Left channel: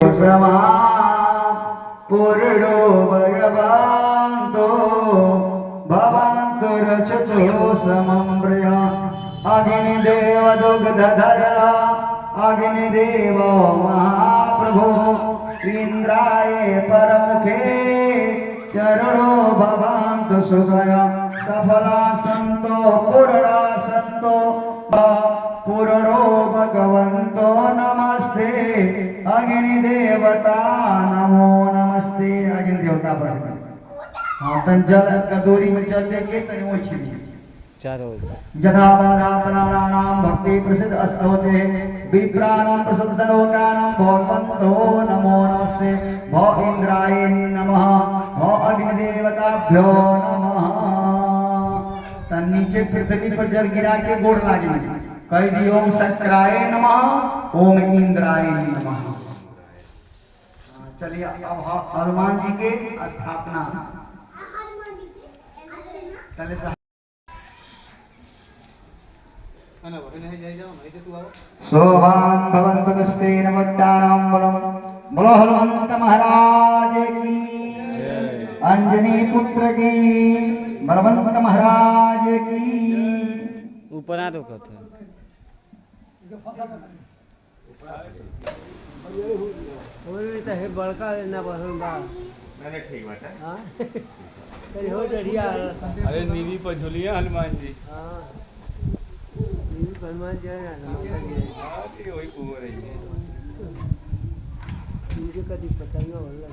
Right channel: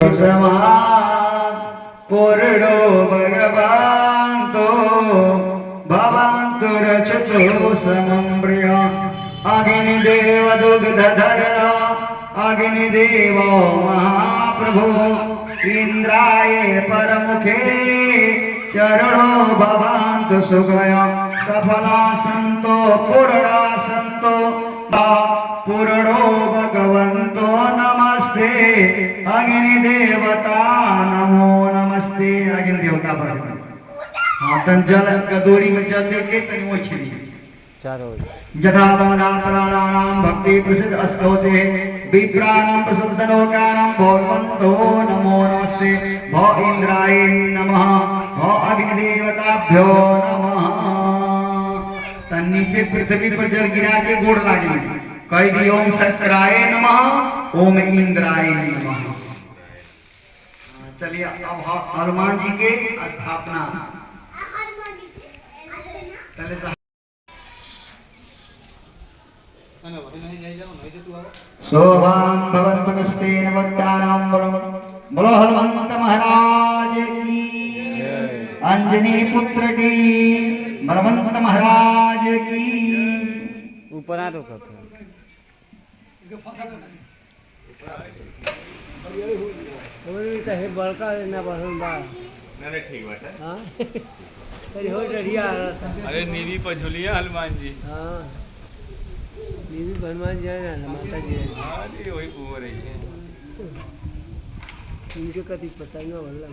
समा पूर्णो भगवान्तो भवन्तु रचतो समं प्रिय अग्निदेव दुग्धधरण अग्निदेव महाप्रभु इन्द्राय परमुखे चरणो भवन्तु सुखय सफला सन्तो पूर्णा सन्तो पूर्णो भगवन्तो नमस्ते अग्निदेवता नमो नमस्ते अग्निदेवता पर हाँ तन जल कदोरी में जल लेके तन वो छिड़ी चारों जथावादा प्राणानाम भक्ति प्रसिद्ध अस्तोते विप्राणाम प्रसिद्ध सलोकानाम भगवन्तो नमो नमस्ते भो इंद्राय नमः भो अग्निदेवताभ्यो नमः तन नीचे पृथ्वी पर जल गिरा के गोड़ लागे कह दी ओम शक्राय नमः ओम इंद्राय नमः। चलिए अब हनुमान जी के स्थापना शोभां भवन्तु नस्तेन मुक्तानां बोलो हनुमंत महाराज की अंजनी पुत्र की हनुमंत महाराज की ऊपर आ रोका था बड़का ना बढ़ा नहीं ठीक बात है। हाँ हो डरिया अरे नीवी पर झुलिया हनुमान जी। हाँ नीवी हनुमान जी है ना माता जी है। हाँ जी वही घूम रही है। उनके कभी पता ना वाला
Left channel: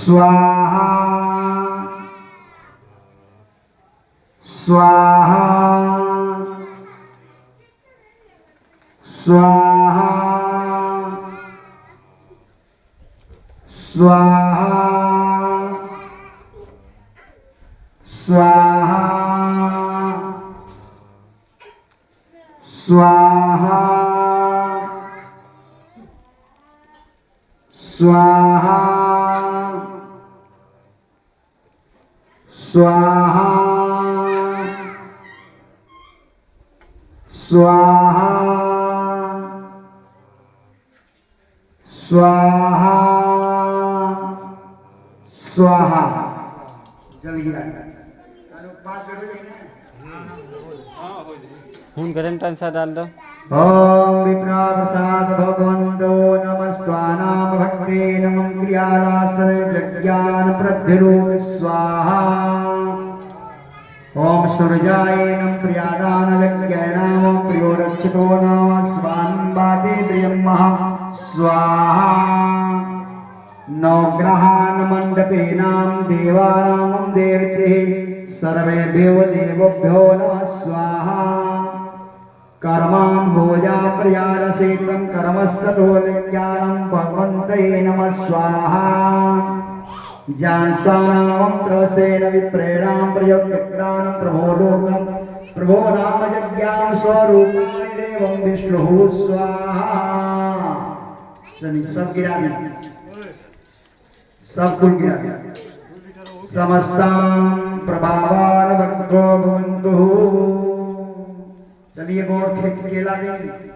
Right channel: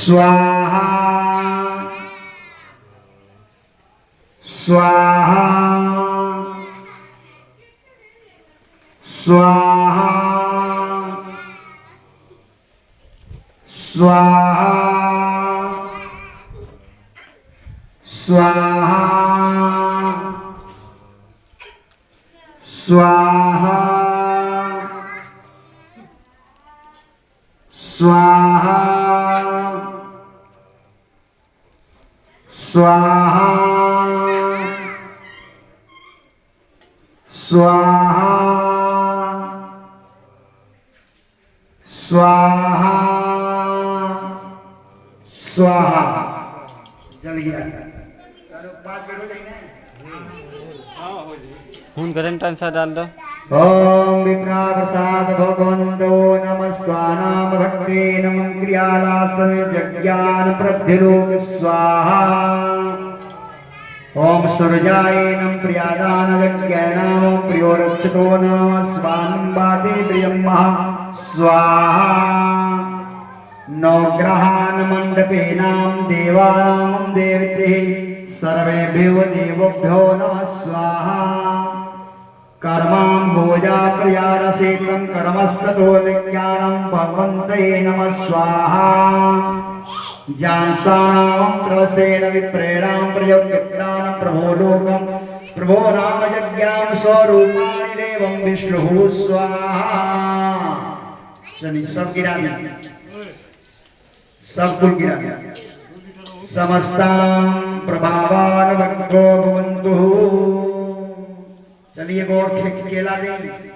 स्वाहा स्वाहा स्वाहा स्वाहा स्वाहा स्वाहा स्वाहा स्वाहा स्वाहा स्वाहा स्वाहा जल गया खून गरम सा डाल दो। ओम विप्रा प्रसाद भगवन्तो नमस्त्वानाम भक्ते नमः क्रियालास्तन जज्ञान प्रद्धिलोक स्वाहा ओम सूर्याय नमः प्रियादान यज्ञानाम प्रियो रक्षको नमः स्वानं वाते प्रियं महा स्वाहा नवग्रहान् मण्डपेनां देवानां देवतेः सर्वेभ्यो देवभ्यो नमः स्वाहा कर्मां भोजा प्रियारसेतं कर्मस्ततो विज्ञानं भगवन्तये नमः स्वाहा जानसानां त्रसेन विप्रेणां प्रयोक्तानं प्रभो लोकं प्रभो नाम यज्ञां स्वरूपाणि देवं विष्णुः स्वाहा। चलिए सब गिरा दिया सब कुल गिरा दिया समस्तां प्रभावान भक्तो भवन्तु। चलिए और केला दें